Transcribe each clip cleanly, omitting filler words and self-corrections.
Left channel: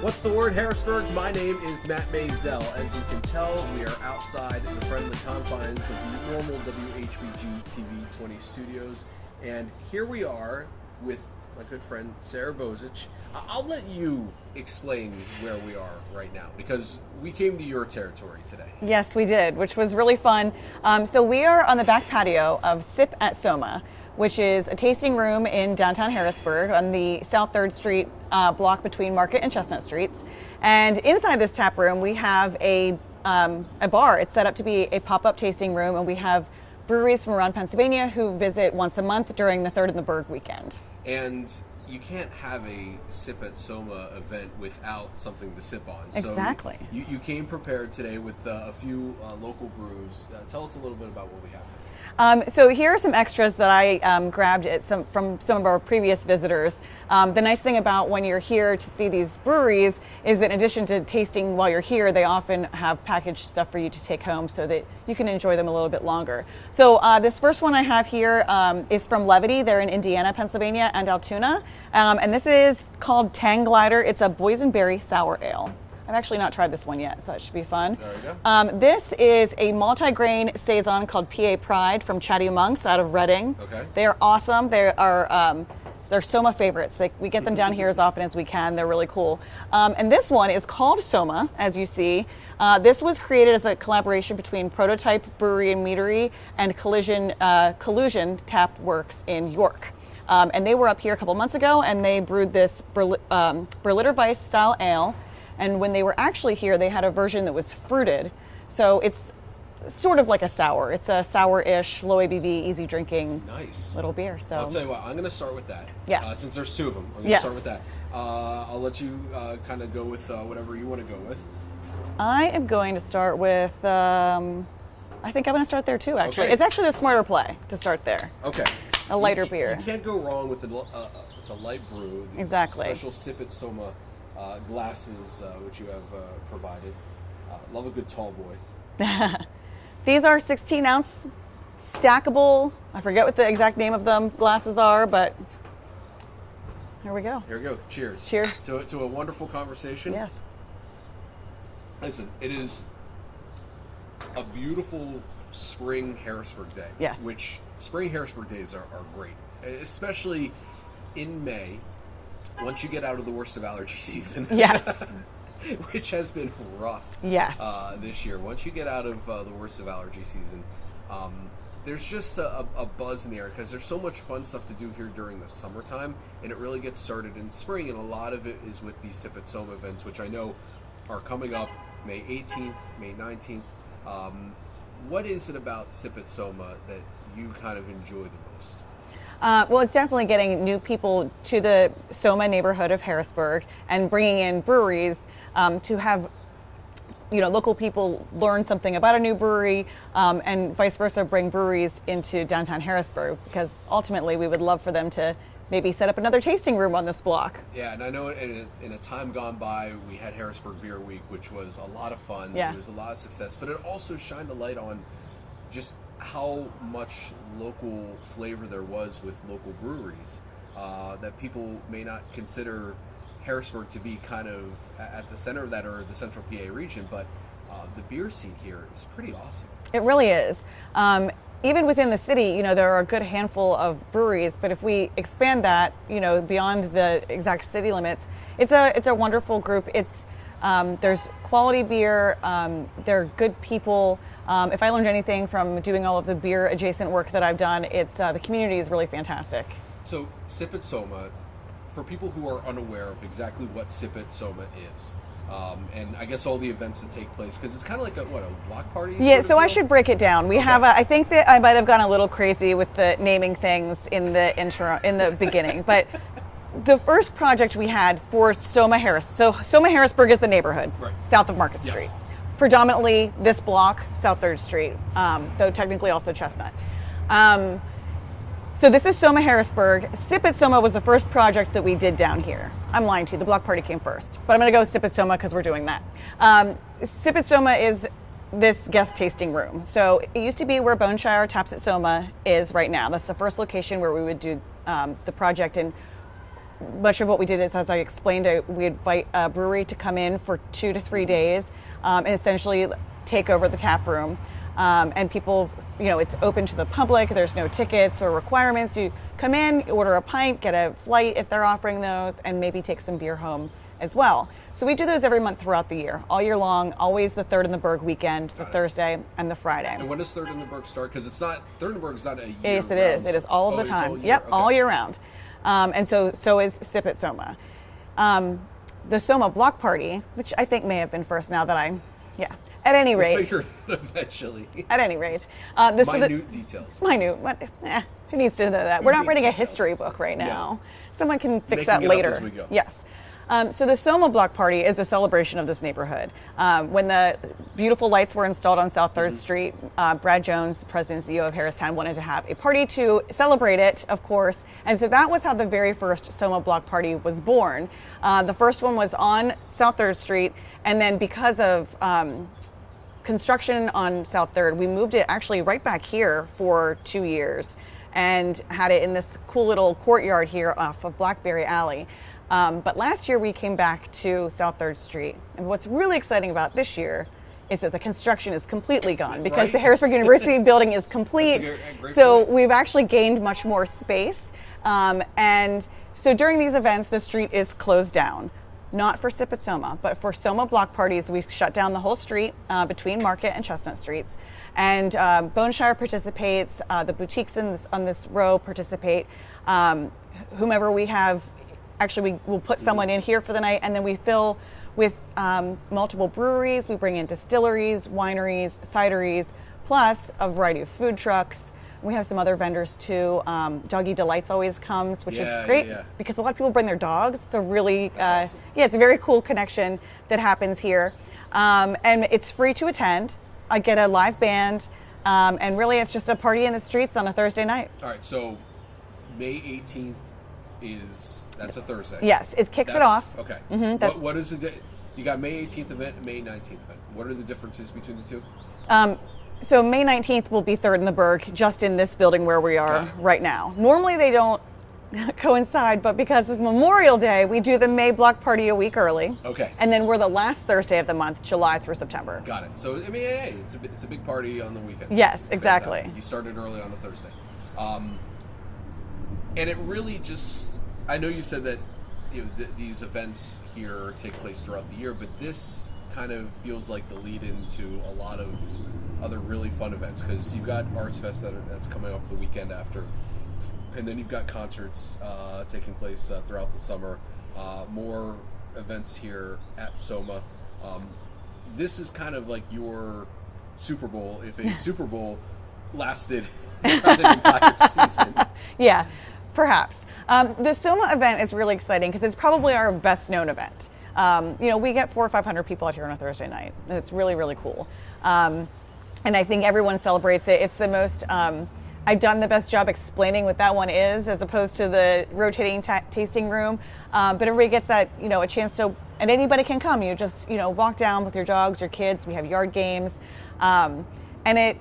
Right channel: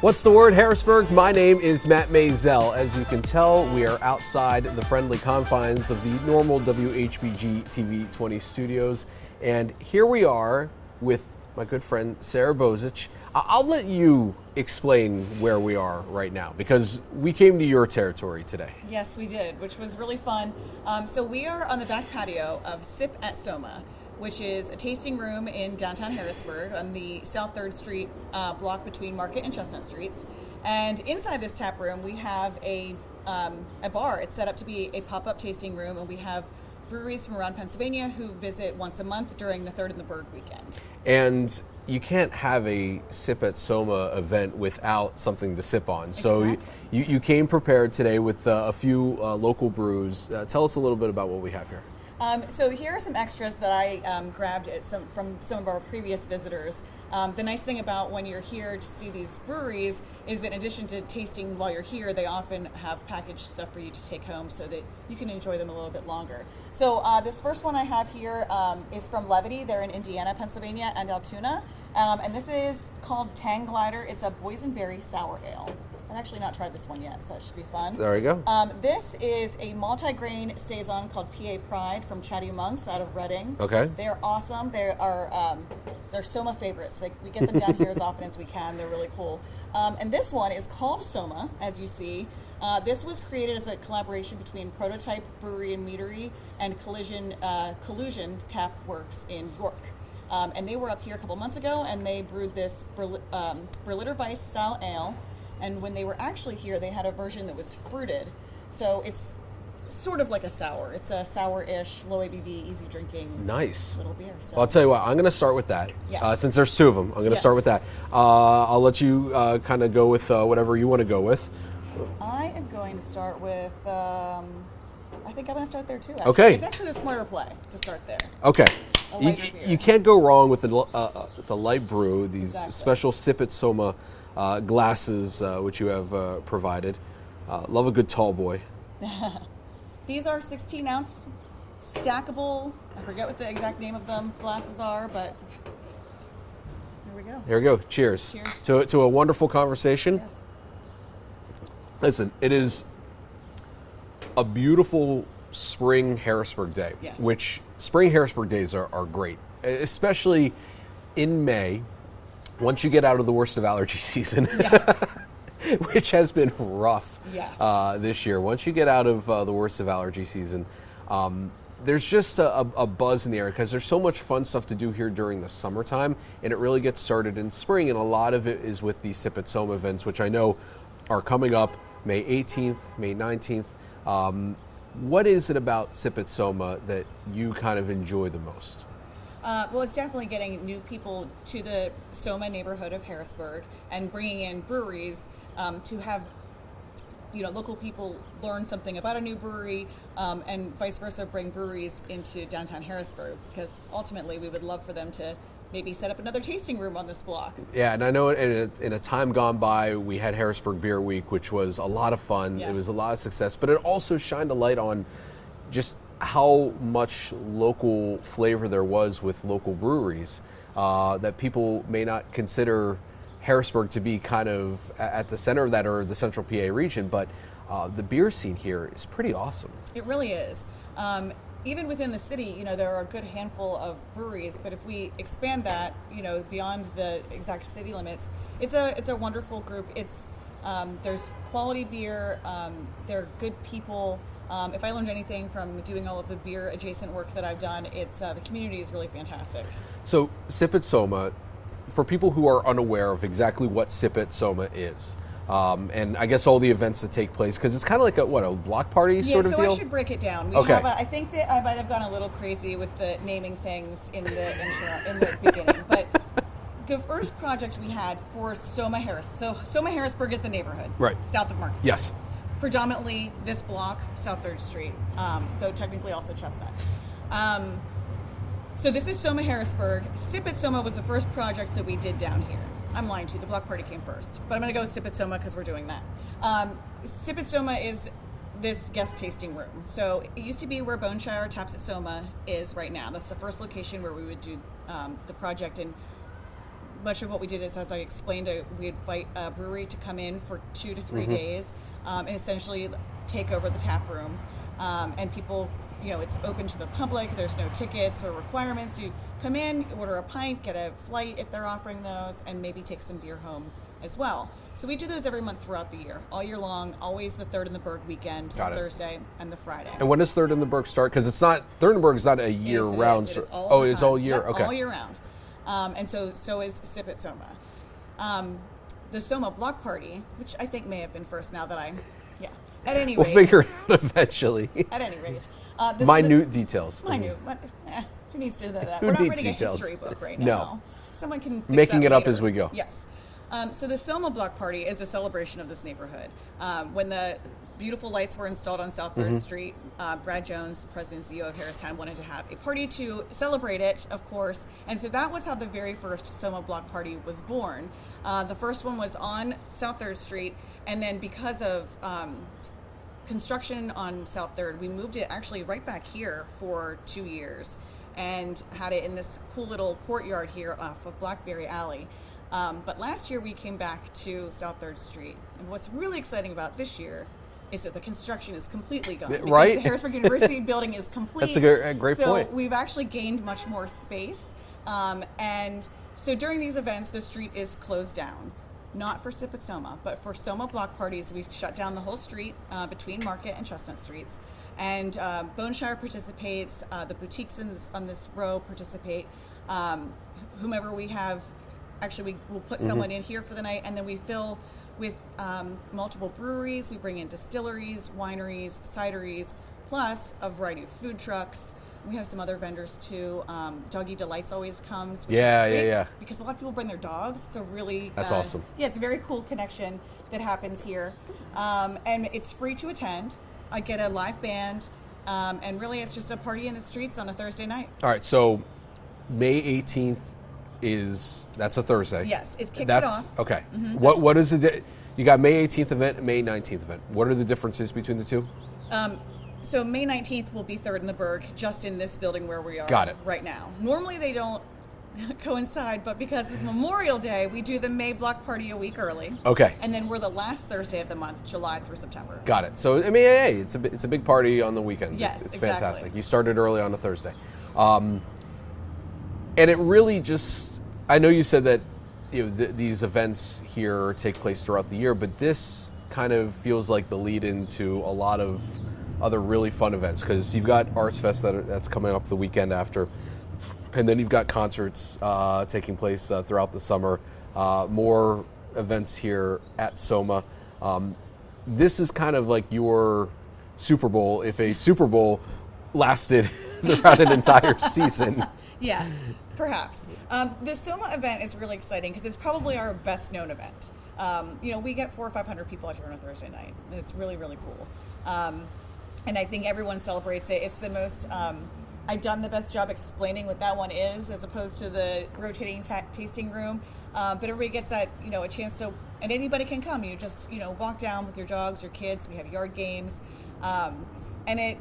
What's the word, Harrisburg? My name is Matt Maisel. As you can tell, we are outside the friendly confines of the normal WHBG TV 20 studios. And here we are with my good friend, Sara Bozich. I'll let you explain where we are right now because we came to your territory today. Yes, we did, which was really fun. So we are on the back patio of Sip at Soma, which is a tasting room in downtown Harrisburg on the South 3rd Street block between Market and Chestnut Streets. And inside this tap room, we have a bar. It's set up to be a pop-up tasting room, and we have breweries from around Pennsylvania who visit once a month during the Third in the Burg weekend. And you can't have a Sip at Soma event without something to sip on. Exactly. So you came prepared today with a few local brews. Tell us a little bit about what we have here. So here are some extras that I grabbed from some of our previous visitors. The nice thing about when you're here to see these breweries is that in addition to tasting while you're here, they often have packaged stuff for you to take home so that you can enjoy them a little bit longer. So this first one I have here is from Levity. They're in Indiana, Pennsylvania, and Altoona. And this is called Tang Glider. It's a boysenberry sour ale. I've actually not tried this one yet, so that should be fun. There we go. This is a multi-grain saison called PA Pride from Chatty Monks out of Reading. Okay. They are awesome. They are they're Soma favorites. We get them down here as often as we can. They're really cool. And this one is called Soma, as you see. This was created as a collaboration between Prototype Brewery and Meadery and Collusion Tap Works in York. And they were up here a couple months ago, and they brewed this Berliner Weiss style ale. And when they were actually here, they had a version that was fruited. So it's sort of like a sour. It's a sour-ish, low ABV, easy drinking little beer. So I'll tell you what, I'm going to start with that. Yes. Since there's two of them, I'm going to start with that. I'll let you kind of go with whatever you want to go with. I am going to start with, I think I'm going to start there too, actually. Okay. It's actually a smarter play to start there. Okay. A lighter beer. You can't go wrong with the light brew, these Exactly. special Sip at Soma glasses, which you have provided. Love a good tall boy. These are 16-ounce stackable, I forget what the exact name of them glasses are, but here we go. Here we go. Cheers. Cheers. To a wonderful conversation. Yes. Listen, it is a beautiful spring Harrisburg day. Yes. Which spring Harrisburg days are great, especially in May, once you get out of the worst of allergy season. Yes. Which has been rough. Yes. This year. Once you get out of the worst of allergy season, there's just a buzz in the air because there's so much fun stuff to do here during the summertime, and it really gets started in spring, and a lot of it is with the Sip at Soma events, which I know are coming up May 18th, May 19th. What is it about Sip at Soma that you kind of enjoy the most? Well, it's definitely getting new people to the Soma neighborhood of Harrisburg and bringing in breweries to have, local people learn something about a new brewery and vice versa, bring breweries into downtown Harrisburg, because ultimately we would love for them to maybe set up another tasting room on this block. Yeah, and I know in a time gone by, we had Harrisburg Beer Week, which was a lot of fun. Yeah. It was a lot of success, but it also shined a light on just how much local flavor there was with local breweries that people may not consider Harrisburg to be kind of at the center of that, or the central PA region, but the beer scene here is pretty awesome. It really is. Even within the city, there are a good handful of breweries, but if we expand that, beyond the exact city limits, it's a wonderful group. There's quality beer, they're good people. If I learned anything from doing all of the beer adjacent work that I've done, it's the community is really fantastic. So Sip at Soma, for people who are unaware of exactly what Sip at Soma is, and I guess all the events that take place, because it's kind of like a block party Yeah, sort of so deal? I should break it down. We have I think that I might have gone a little crazy with the naming things in the intro, in the beginning, but the first project we had for Soma Harrisburg is the neighborhood, right, south of Market Street. Yes. Predominantly this block, South 3rd Street, though technically also Chestnut. So this is Soma Harrisburg. Sip at Soma was the first project that we did down here. I'm lying to you, the block party came first, but I'm gonna go Sip at Soma because we're doing that. Sip at Soma is this guest tasting room. So it used to be where Boneshire Taps at Soma is right now. That's the first location where we would do the project. And much of what we did is, as I explained, we invite a brewery to come in for 2 to 3 days and essentially take over the tap room. And people, it's open to the public. There's no tickets or requirements. You come in, you order a pint, get a flight if they're offering those, and maybe take some beer home as well. So we do those every month throughout the year, all year long, always the Third in the Berg weekend, the Thursday and the Friday. And when does Third in the Berg start? Because Third in the Berg is not a year round. It is all the time. It's all year? Yep, okay. all year round. And so is Sip at Soma. The Soma Block Party, which I think may have been first now that at any rate. We'll figure it out eventually. At any rate. Minute details. Minute. Who needs to know that? We're not writing a history book right now. No. Someone can fix Making that it later. up as we go. Yes. So the Soma Block Party is a celebration of this neighborhood. When the beautiful lights were installed on South 3rd Street, Brad Jones, the president and CEO of Harristown, wanted to have a party to celebrate it, of course. And so that was how the very first Soma Block Party was born. The first one was on South 3rd Street, and then because of construction on South 3rd, we moved it actually right back here for 2 years and had it in this cool little courtyard here off of Blackberry Alley. But last year we came back to South 3rd Street. And what's really exciting about this year is that the construction is completely gone because the Harrisburg University building is complete. That's a great so point. We've actually gained much more space. And so during these events, the street is closed down. Not for Sip at Soma, but for Soma Block Parties, we shut down the whole street between Market and Chestnut Streets. And Boneshire participates, the boutiques on this row participate. Whomever we have, actually we will put someone in here for the night, and then we fill with multiple breweries. We bring in distilleries, wineries, cideries, plus a variety of food trucks. We have some other vendors too. Doggy Delights always comes, which is great because a lot of people bring their dogs. It's a really that's awesome. Yeah, it's a very cool connection that happens here, and it's free to attend. I get a live band, and really it's just a party in the streets on a Thursday night. All right, so May 18th that's a Thursday. Yes, it kicks it off. Okay. What is the you got May 18th event, May 19th event. What are the differences between the two? So May 19th will be Third in the Berg, just in this building where we are right now. Normally they don't coincide, but because it's Memorial Day, we do the May Block Party a week early. Okay. And then we're the last Thursday of the month, July through September. Got it. So I mean, hey, it's a big party on the weekend. Yes, it's exactly. Fantastic. You started early on a Thursday, and it really just. I know you said that these events here take place throughout the year, but this kind of feels like the lead into a lot of other really fun events because you've got Arts Fest that's coming up the weekend after, and then you've got concerts taking place throughout the summer, more events here at Soma. This is kind of like your Super Bowl if a Super Bowl lasted throughout an entire season. Yeah, perhaps. The Soma event is really exciting because it's probably our best known event. We get 400 or 500 people out here on a Thursday night, and it's really, really cool. And I think everyone celebrates it. It's the most, I've done the best job explaining what that one is as opposed to the rotating tasting room. But everybody gets that, a chance to, and anybody can come. You just, walk down with your dogs, your kids. We have yard games. And it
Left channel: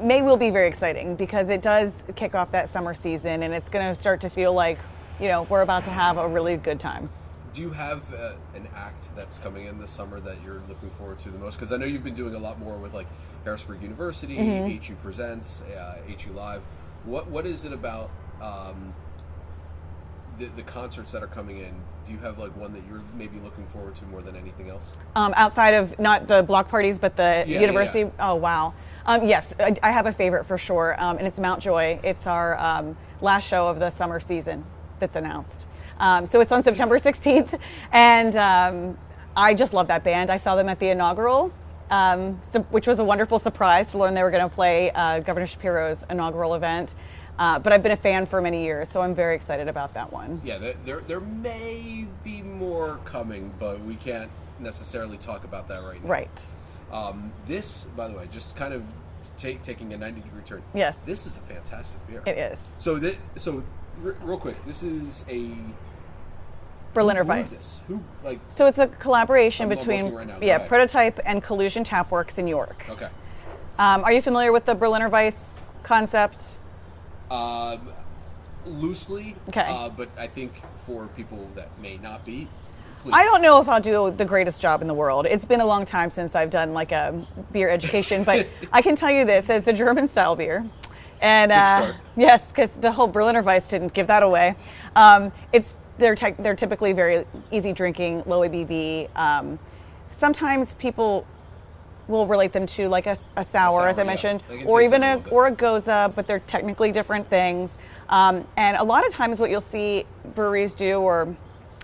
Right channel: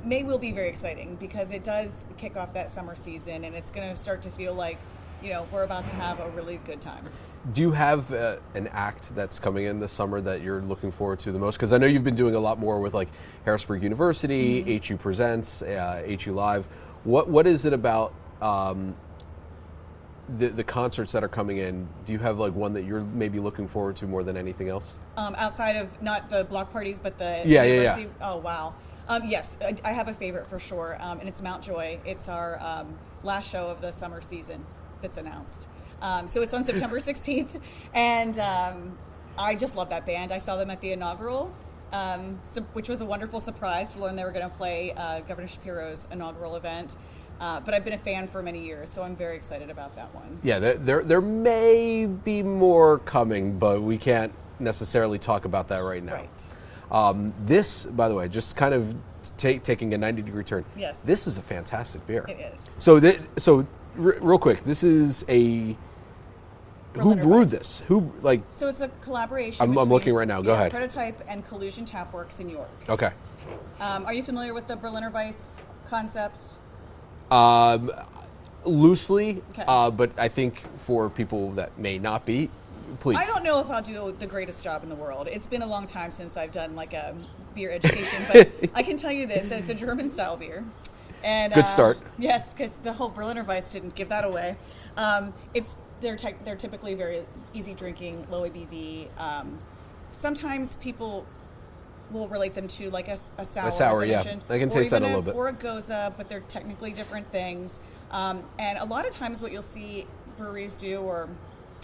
will be very exciting because it does kick off that summer season and it's going to start to feel like, we're about to have a really good time. Do you have an act that's coming in this summer that you're looking forward to the most? Because I know you've been doing a lot more with like Harrisburg University, HU Presents, HU Live. What is it about the concerts that are coming in? Do you have like one that you're maybe looking forward to more than anything else? Outside of not the block parties, but the university? Yeah. Oh, wow. Yes, I have a favorite for sure, and it's Mount Joy. It's our last show of the summer season that's announced. So it's on September 16th, and I just love that band. I saw them at the inaugural, which was a wonderful surprise to learn they were going to play Governor Shapiro's inaugural event. But I've been a fan for many years, so I'm very excited about that one. Yeah, there may be more coming, but we can't necessarily talk about that right now. Right. This, by the way, just kind of taking a 90-degree turn. Yes. This is a fantastic beer. It is. So real quick, this is a Berliner who brewed Weiss. This? So it's a collaboration between I'm looking right now. Go ahead. Prototype and Collusion Tapworks in York. Okay. Are you familiar with the Berliner Weiss concept? A Loosely, Okay. But I think for people that may not be, please. I don't know if I'll do the greatest job in the world. It's been a long time since I've done like a beer education, but I can tell you this: it's a German style beer, and Good start. Yes, because the whole Berliner Weiss didn't give that away. They're typically very easy drinking, low ABV. Sometimes people will relate them to like a sour, as I yeah. mentioned, I can or taste even that a little bit. or a goza, but they're technically different things. And a lot of times, what you'll see breweries do or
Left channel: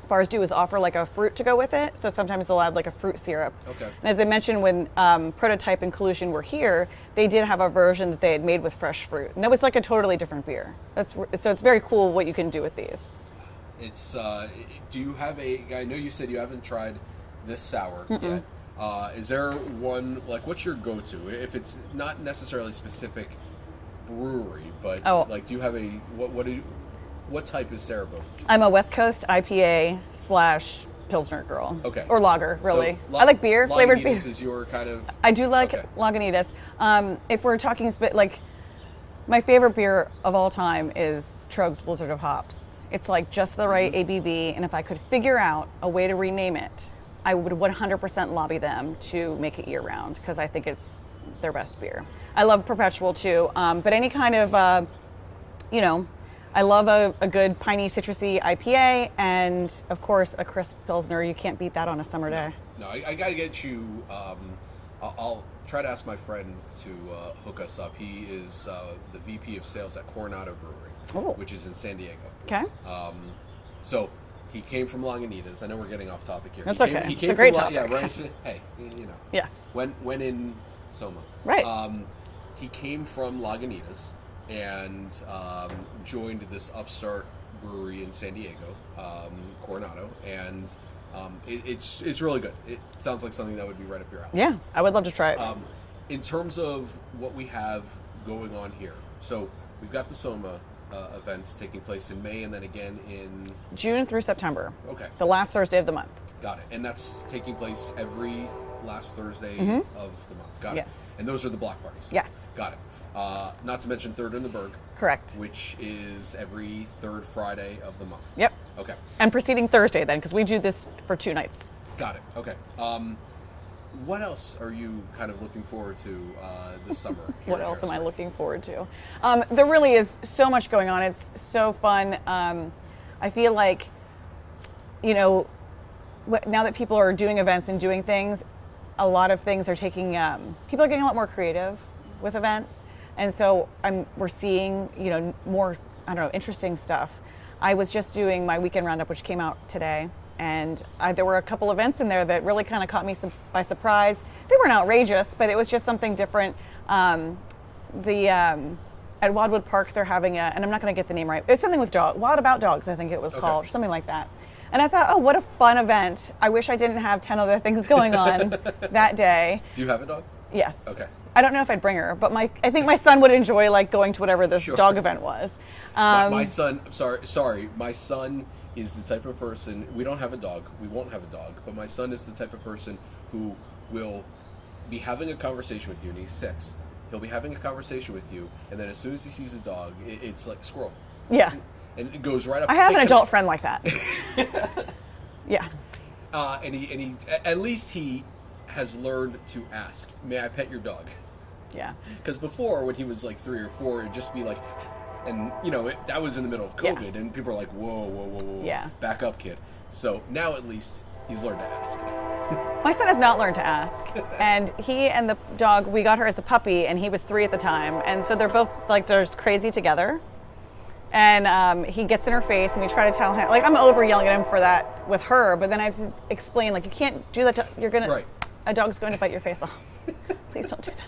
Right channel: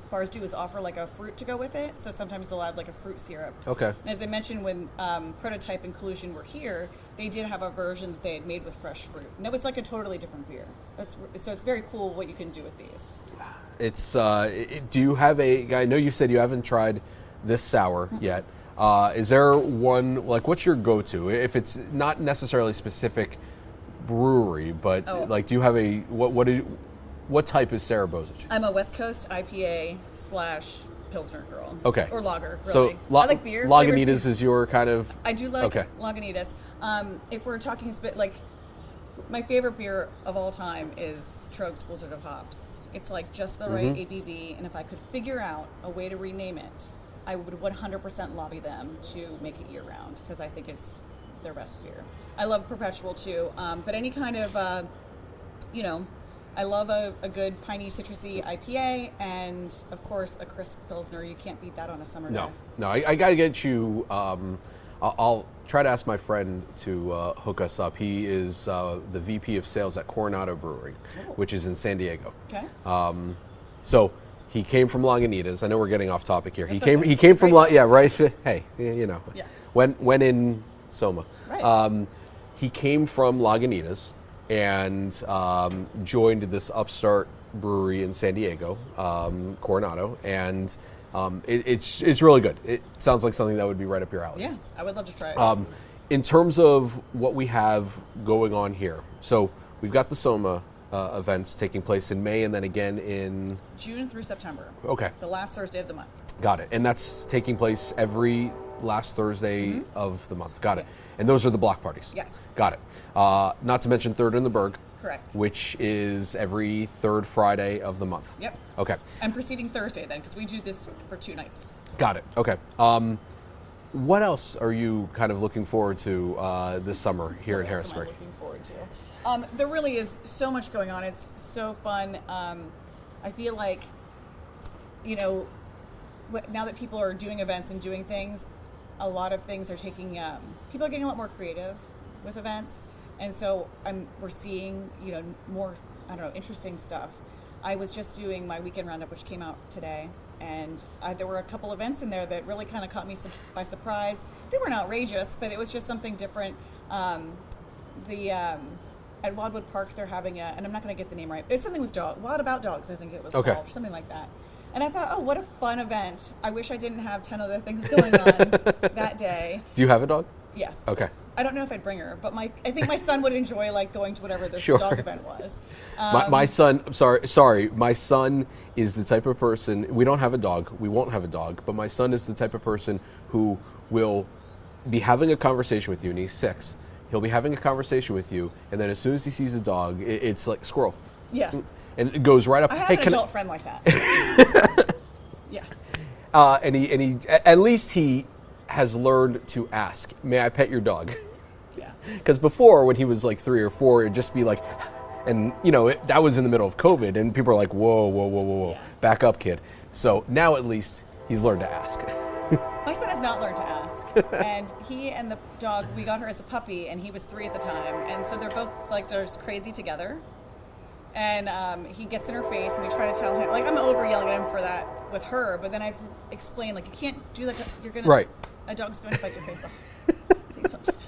bars do is offer like a fruit to go with it. So sometimes they'll add like a fruit syrup. Okay. And as I mentioned, when Prototype and Collusion were here, they did have a version that they had made with fresh fruit, and that was like a totally different beer. So it's very cool what you can do with these. It's. Do you have a? I know you said you haven't tried this sour yet. Is there one, like, what's your go-to? If it's not necessarily specific brewery, but like, do you have a what type is Sara Bozich? I'm a West Coast IPA / Pilsner girl. Okay. Or lager, really. So, I like beer. Flavored beer. Lagunitas is your kind of. I do like Lagunitas. If we're talking like, my favorite beer of all time is Trogue's Blizzard of Hops. It's like just the right ABV, and if I could figure out a way to rename it, I would 100% lobby them to make it year-round, because I think it's their best beer. I love Perpetual too, but any kind of, I love a good piney, citrusy IPA, and of course a crisp Pilsner. You can't beat that on a summer day. No, I got to get you. I'll try to ask my friend to hook us up. He is the VP of Sales at Coronado Brewery, which is in San Diego. Okay. So he came from Lagunitas. I know we're getting off topic here. That's He came. okay. He It's came a great from. topic. Yeah, right. Hey, you know. Yeah. When in Soma. Right. He came from Lagunitas and joined this upstart brewery in San Diego, Coronado, and it's really good. It sounds like something that would be right up your alley. Yes, I would love to try it. In terms of what we have going on here, so we've got the Soma events taking place in May and then again in June through September. Okay. The last Thursday of the month. Got it. And that's taking place every last Thursday of the month. Got it. And those are the block parties. Yes. Got it. Not to mention Third in the Berg. Correct. Which is every third Friday of the month. Yep. Okay. And preceding Thursday then, because we do this for 2 nights. Got it. Okay. What else are you kind of looking forward to this summer here in Harrisburg? What else am I looking forward to? There really is so much going on. It's so fun. I feel like, now that people are doing events and doing things, a lot of things are taking, people are getting a lot more creative with events. And so we're seeing, more, interesting stuff. I was just doing my weekend roundup, which came out today. And there were a couple events in there that really kind of caught me by surprise. They weren't outrageous, but it was just something different. At Wildwood Park, they're having and I'm not going to get the name right. It's something with dogs. Wild About Dogs, I think it was called, or something like that. And I thought, oh, what a fun event. I wish I didn't have 10 other things going on that day. Do you have a dog? Yes. Okay. I don't know if I'd bring her, but I think my son would enjoy going to whatever this dog event was. My son, sorry, my son is the type of person, we don't have a dog, we won't have a dog, but my son is the type of person who will be having a conversation with you, and he's 6. He'll be having a conversation with you, and then as soon as he sees a dog, it's like squirrel. Yeah. And it goes right up. I have an adult friend like that. Yeah. And he, at least he has learned to ask, may I pet your dog? Yeah. Because before, when he was like 3 or 4, it'd just be like, and that was in the middle of COVID, and people are like, whoa, Yeah. back up, kid. So now at least he's learned to ask. My son has not learned to ask. And he and the dog, we got her as a puppy, and he was 3 at the time. And so they're both they're just crazy together. And he gets in her face, and we try to tell him, I'm over yelling at him for that with her, but then I have to explain, you can't do that. You're going to, right. A dog's going to bite your face off. Please don't do that.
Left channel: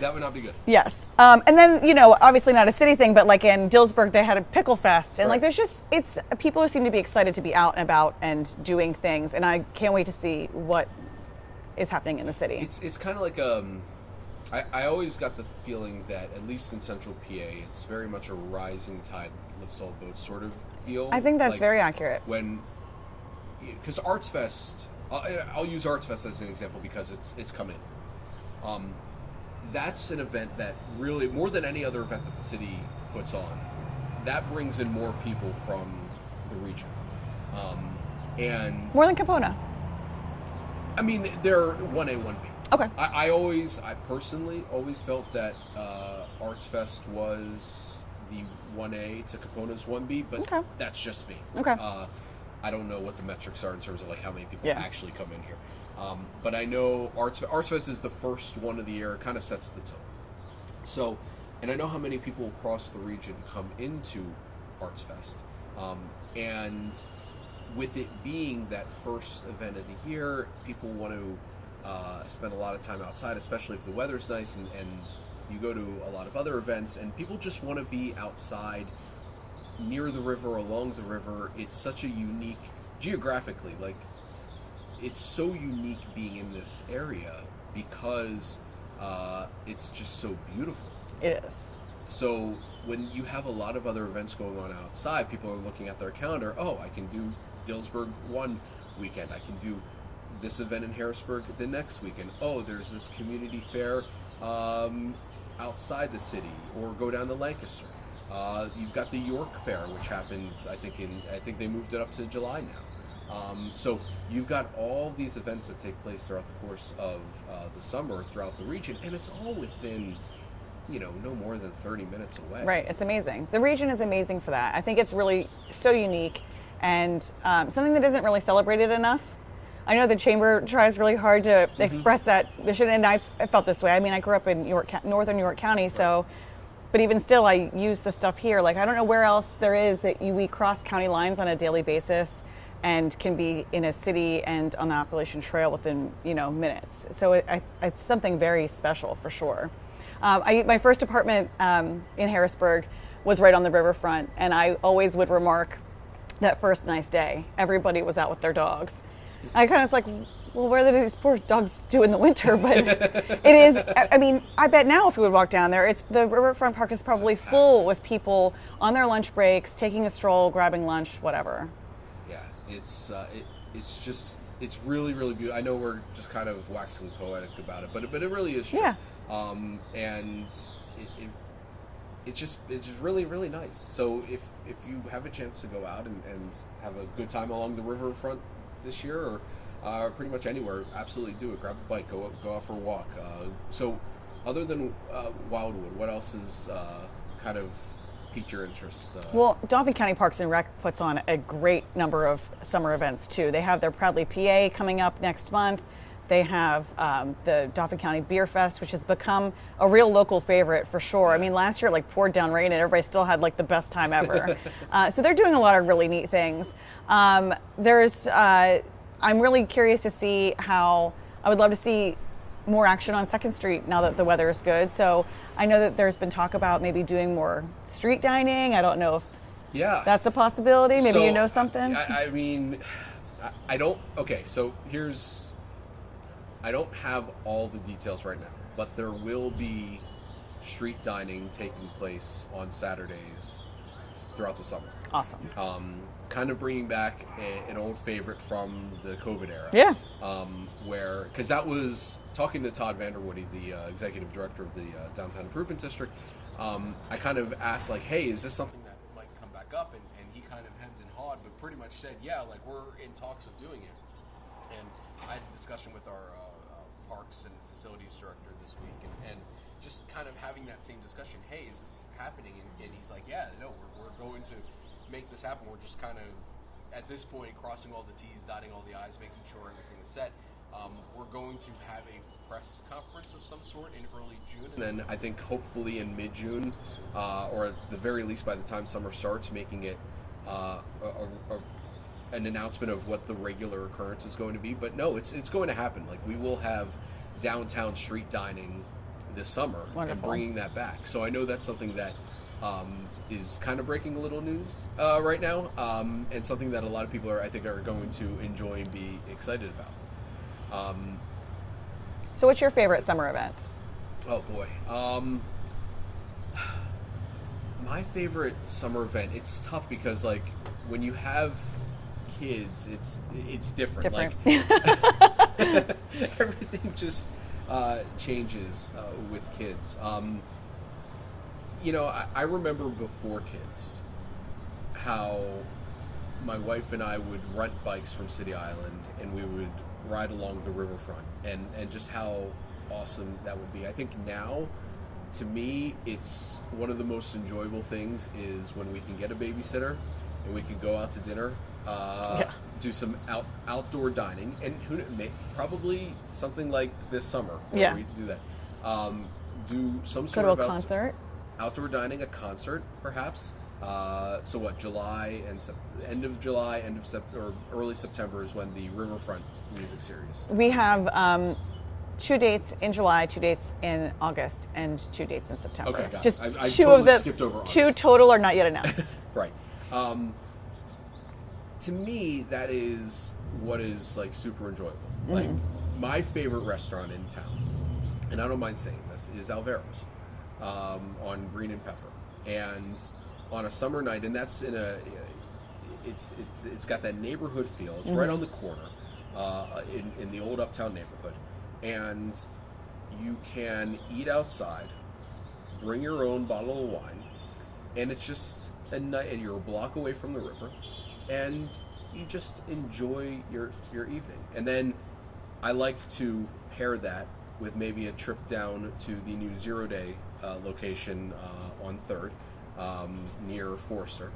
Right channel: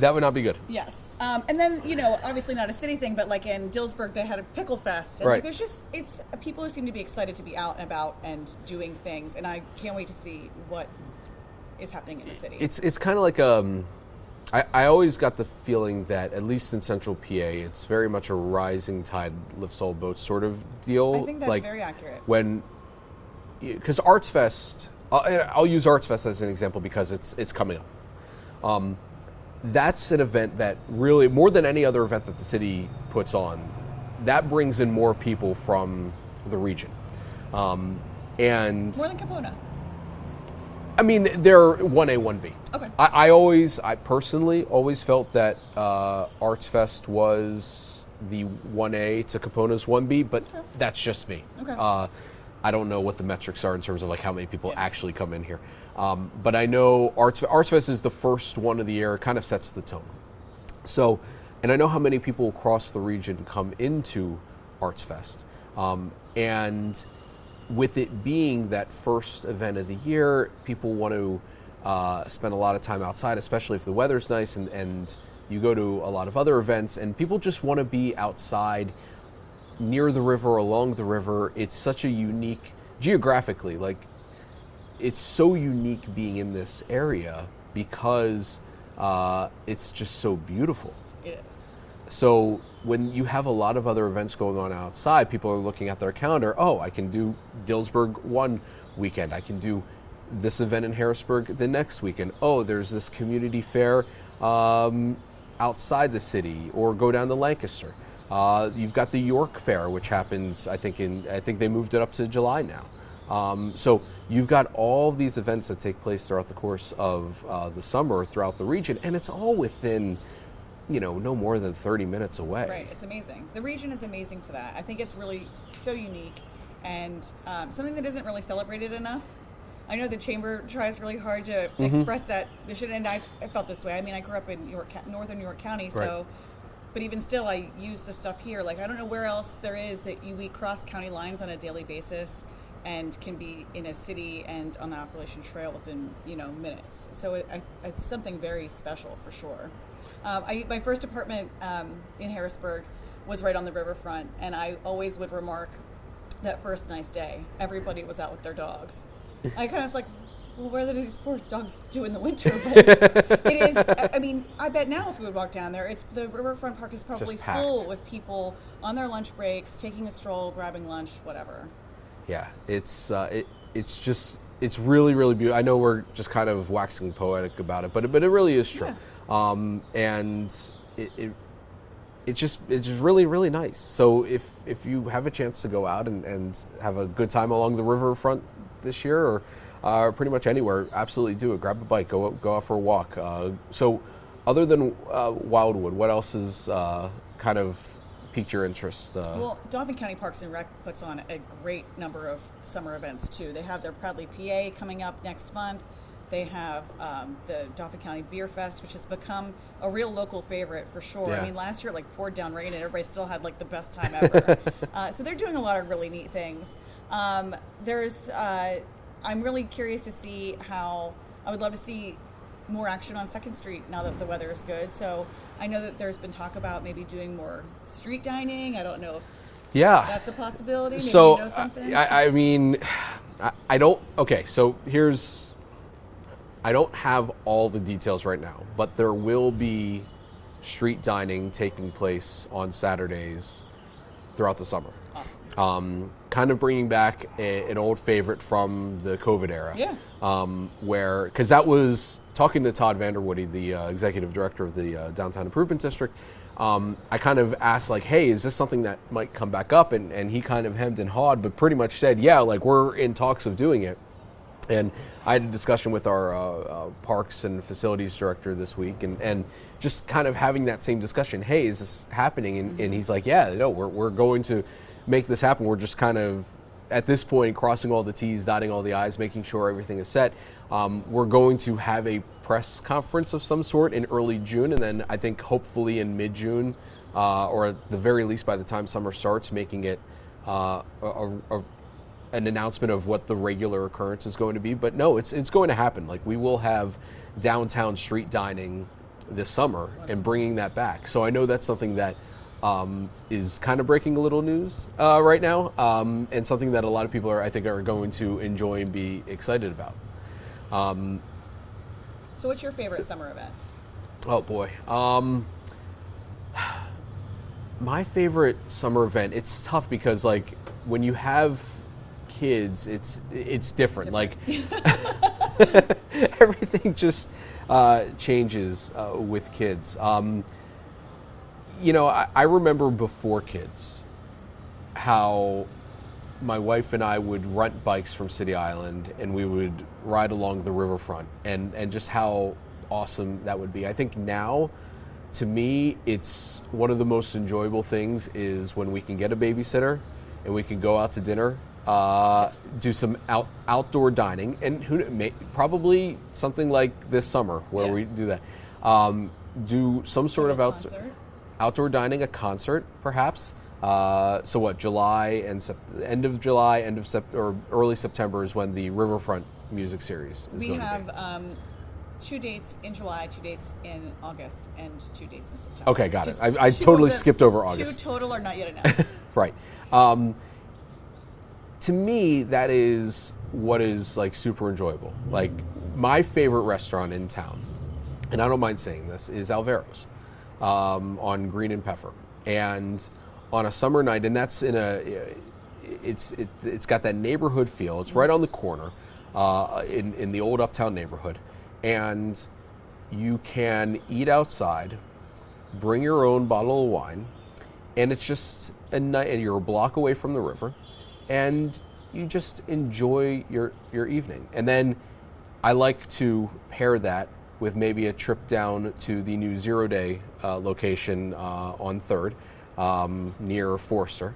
That would not be good. Yes. And then, obviously not a city thing, but in Dillsburg, they had a pickle fest. And right. there's just, people seem to be excited to be out and about and doing things. And I can't wait to see what is happening in the city. It's kind of like, I always got the feeling that, at least in central PA, it's very much a rising tide lifts all boats sort of deal. I think that's very accurate. Because Arts Fest, I'll use Arts Fest as an example because it's coming up. That's an event that really, more than any other event that the city puts on, that brings in more people from the region. And More than Capona. I mean, they're 1A, 1B. Okay. I personally always felt that Arts Fest was the 1A to Capona's 1B, but Okay. that's just me. Okay. I don't know what the metrics are in terms of like how many people Yeah. actually come in here. But I know Arts Fest is the first one of the year, kind of sets the tone. So, and I know how many people across the region come into Arts Fest. And with it being that first event of the year, people want to spend a lot of time outside, especially if the weather's nice, and you go to a lot of other events, and people just want to be outside near the river, along the river. It's such a unique, geographically, like, it's so unique being in this area because it's just so beautiful. It is. So when you have a lot of other events going on outside, people are looking at their calendar. Oh, I can do Dillsburg one weekend. I can do this event in Harrisburg the next weekend. Oh, there's this community fair outside the city, or go down to Lancaster. You've got the York Fair, which happens, I think they moved it up to July now. So you've got all these events that take place throughout the course of the summer throughout the region, and it's all within, no more than 30 minutes away. Right, it's amazing. The region is amazing for that. I think it's really so unique and something that isn't really celebrated enough. I know the Chamber tries really hard to express that mission, and I felt this way. I mean, I grew up in northern York County, so, but even still, I use the stuff here. Like, I don't know where else there is that we cross county lines on a daily basis and can be in a city and on the Appalachian Trail within, minutes. So it's something very special for sure. My first apartment in Harrisburg was right on the riverfront, and I always would remark that first nice day, everybody was out with their dogs. I kind of was like, well, what are these poor dogs do in the winter? But it is, I mean, I bet now if we would walk down there, the riverfront park is probably full with people on their lunch breaks, taking a stroll, grabbing lunch, whatever. Yeah, it's really, really beautiful. I know we're just kind of waxing poetic about it, but it really is true. Yeah. And it's just really, really nice. So if you have a chance to go out and have a good time along the riverfront this year, or pretty much anywhere, absolutely do it. Grab a bike, go out for a walk. So other than Wildwood, what else has kind of piqued your interest? Well, Dauphin County Parks and Rec puts on a great number of summer events too. They have their Proudly PA coming up next month. They have the Dauphin County Beer Fest, which has become a real local favorite for sure. Yeah. I mean, last year it poured down rain and everybody still had like the best time ever. So they're doing a lot of really neat things. I'm really curious to see I would love to see more action on 2nd Street now that the weather is good. So I know that there's been talk about maybe doing more street dining. I don't know if that's a possibility. Maybe so, you know something? I mean, I don't, okay, so I don't have all the details right now, but there will be street dining taking place on Saturdays throughout the summer. Awesome. Kind of bringing back an old favorite from the COVID era. Yeah. Because that was, talking to Todd Vanderwoody, the executive director of the Downtown Improvement District, I kind of asked, like, hey, is this something that might come back up? And he kind of hemmed and hawed, but pretty much said, yeah, like, we're in talks of doing it. And I had a discussion with our Parks and Facilities Director this week, and just kind of having that same discussion. Hey, is this happening? And he's like, yeah, no, we're going to make this happen. We're just kind of, at this point, crossing all the T's, dotting all the I's, making sure everything is set. We're going to have a press conference of some sort in early June, and then I think hopefully in mid-June, or at the very least by the time summer starts, making it an announcement of what the regular occurrence is going to be. But no, it's going to happen. Like, we will have downtown street dining this summer. Wonderful. And bringing that back. So I know that's something that is kind of breaking a little news right now, and something that a lot of people I think are going to enjoy and be excited about. So what's your favorite summer event? Oh boy. My favorite summer event, it's tough because, like, when you have kids, it's different. Like, everything just changes with kids. I remember before kids, how my wife and I would rent bikes from City Island and we would ride along the riverfront, and just how awesome that would be. I think now, to me, it's one of the most enjoyable things is when we can get a babysitter and we can go out to dinner, do some outdoor dining, and probably something like this summer where we do that. Do some sort of outdoor dining, a concert perhaps. So what? July and end of July, or early September is when the Riverfront music series. We have 2 dates in July, 2 dates in August, and 2 dates in September. Okay, got it. I totally skipped over August. 2 total are not yet announced. Right. To me, that is what is like super enjoyable. Mm-hmm. Like my favorite restaurant in town, and I don't mind saying this, is Alvero's on Green and Peffer. And on a summer night, and that's it's got that neighborhood feel. It's right on the corner in the old Uptown neighborhood, and you can eat outside, bring your own bottle of wine, and it's just a night, and you're a block away from the river, and you just enjoy your evening. And then I like to pair that with maybe a trip down to the new Zero Day location on 3rd. Near Forster,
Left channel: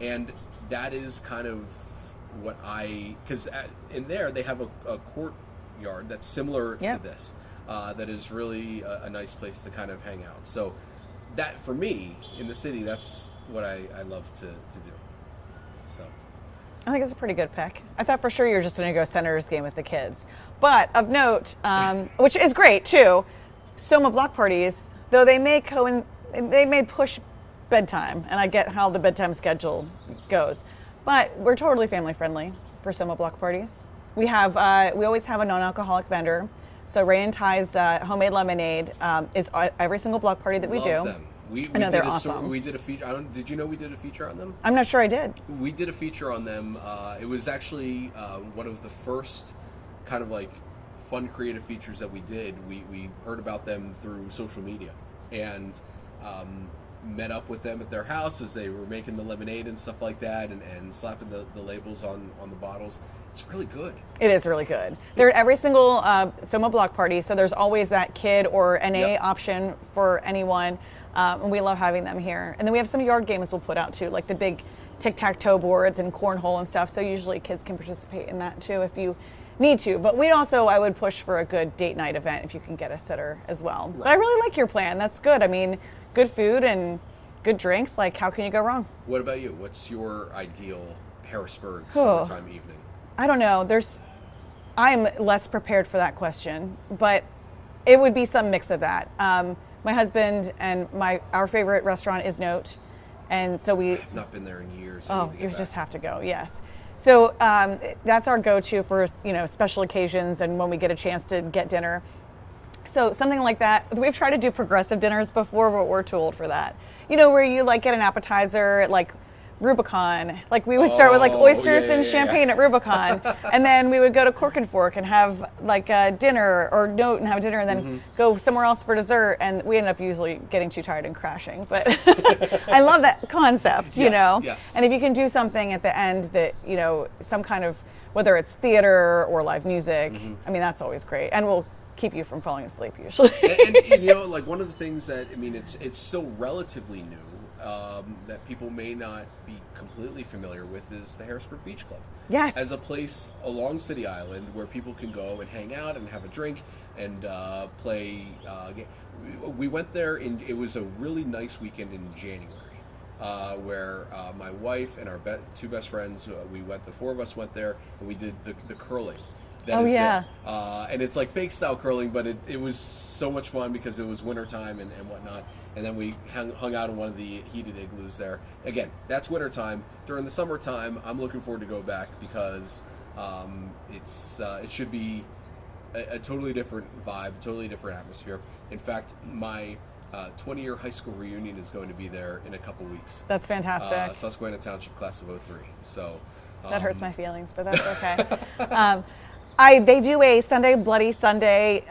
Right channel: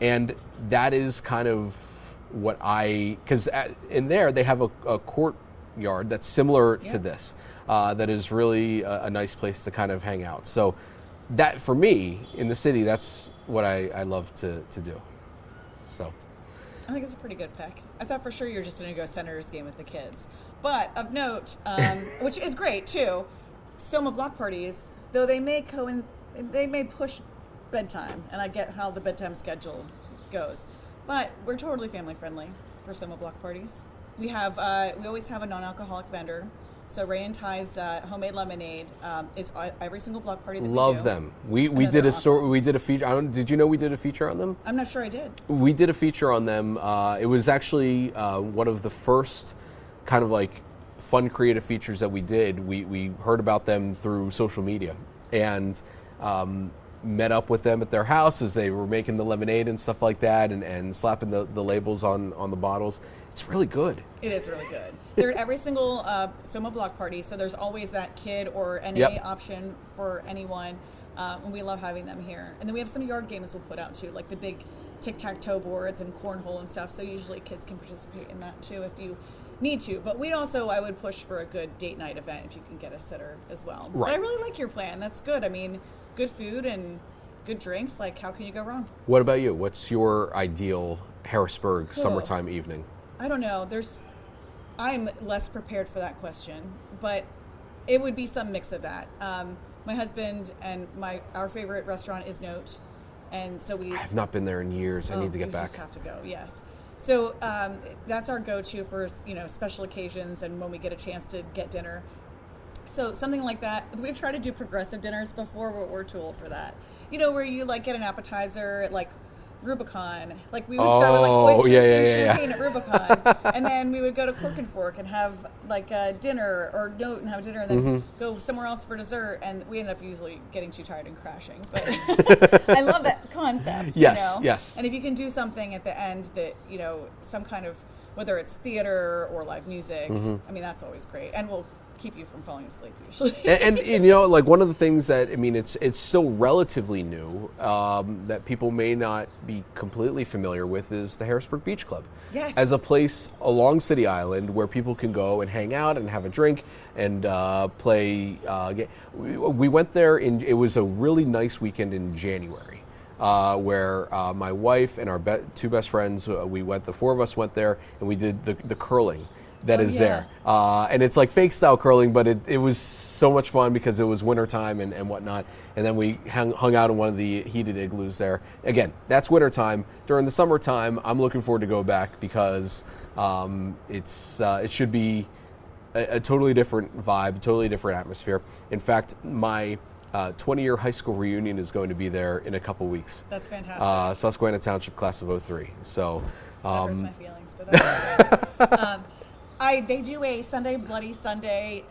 and that is kind of what because in there they have a courtyard that's similar to this, that is really a nice place to kind of hang out. So that, for me, in the city, that's what I love to do. So I think it's a pretty good pick. I thought for sure you were just going to go Senators game with the kids, but of note, which is great too, Soma block parties, though they may push bedtime, and I get how the bedtime schedule goes, but we're totally family friendly for Soma block parties. We always have a non-alcoholic vendor. So Rain and Ty's homemade lemonade is every single block party that we do. Love them. We did awesome. We did a feature. Did you know we did a feature on them? I'm not sure I did. We did a feature on them. It was actually one of the first kind of like fun creative features that we did. We heard about them through social media and met up with them at their house as they were making the lemonade and stuff like that, and slapping the labels on the bottles. It's really good. It is really good. They're at every single Soma block party, so there's always that kid or NA option for anyone, and we love having them here. And then we have some yard games we'll put out too, like the big tic-tac-toe boards and cornhole and stuff, so usually kids can participate in that too if you need to. But I would push for a good date night event if you can get a sitter as well. Right. But I really like your plan. That's good. I mean, good food and good drinks, like how can you go wrong? What about you? What's your ideal Harrisburg summertime evening? I don't know. I'm less prepared for that question, but it would be some mix of that. My husband and our favorite restaurant is Note, and so I have not been there in years. I need to get back. You just have to go. Yes. So that's our go-to for special occasions and when we get a chance to get dinner. So something like that. We've tried to do progressive dinners before, but we're too old for that. Where you like get an appetizer at like Rubicon. Like we would start with like oysters and champagne at Rubicon, and then we would go to Cork and Fork and have like a dinner, or Note and have a dinner, and then go somewhere else for dessert. And we end up usually getting too tired and crashing. But I love that concept, you know. Yes. And if you can do something at the end that some kind of, whether it's theater or live music, I mean that's always great, and we'll keep you from falling asleep usually. and like one of the things that it's still relatively new that people may not be completely familiar with is the Harrisburg Beach Club. Yes. As a place along City Island where people can go and hang out and have a drink and play. We went there it was a really nice weekend in January. Where my wife and our two best friends, the four of us went there, and we did the curling that is there. And it's like fake style curling, but it was so much fun because it was wintertime and whatnot. And then we hung out in one of the heated igloos there. Again, that's wintertime. During the summertime, I'm looking forward to go back because it should be a totally different vibe, totally different atmosphere. In fact, my 20-year high school reunion is going to be there in a couple weeks. That's fantastic. Susquehanna Township class of 03. So that hurts my feelings, but that's okay. They do a Sunday Bloody Sunday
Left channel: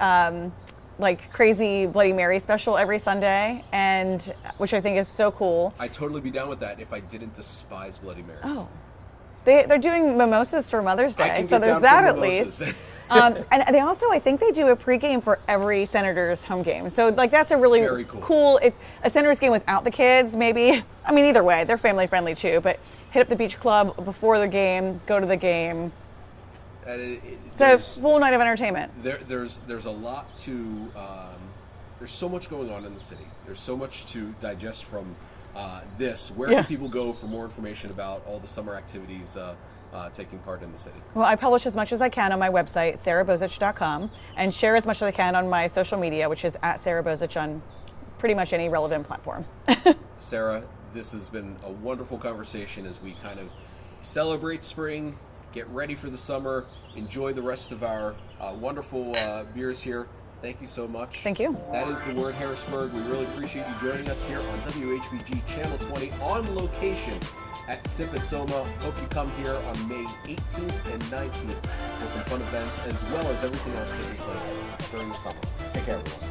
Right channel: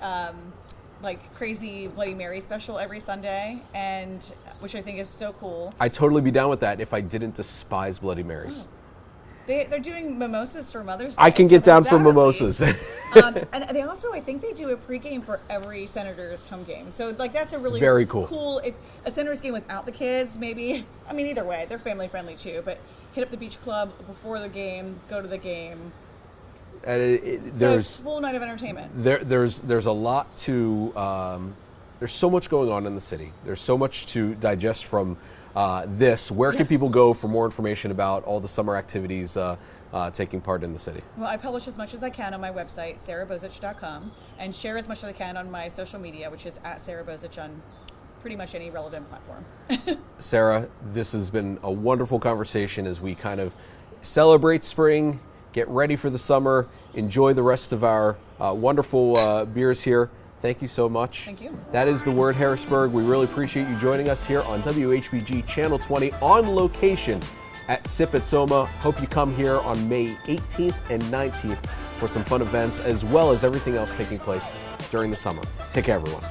like crazy Bloody Mary special every Sunday, and which I think is so cool. I'd totally be down with that if I didn't despise Bloody Marys. Oh. They're doing mimosas for Mother's Day. I can get down for mimosas. And they also, I think they do a pregame for every Senators home game. So like that's a really very cool. If a Senators game without the kids, maybe. I mean, either way, they're family friendly too. But hit up the beach club before the game, go to the game. It's a full night of entertainment. There's a lot to. There's so much going on in the city. There's so much to digest from this. Where can people go for more information about all the summer activities taking part in the city? Well, I publish as much as I can on my website, sarabozich.com, and share as much as I can on my social media, which is at Sara Bozich on pretty much any relevant platform. Sara, this has been a wonderful conversation as we kind of celebrate spring, get ready for the summer, enjoy the rest of our wonderful beers here. Thank you so much. Thank you. That is The Word Harrisburg. We really appreciate you joining us here on WHBG Channel 20 on location at Sip at Soma. Hope you come here on May 18th and 19th for some fun events as well as everything else taking place during the summer. Take care, everyone.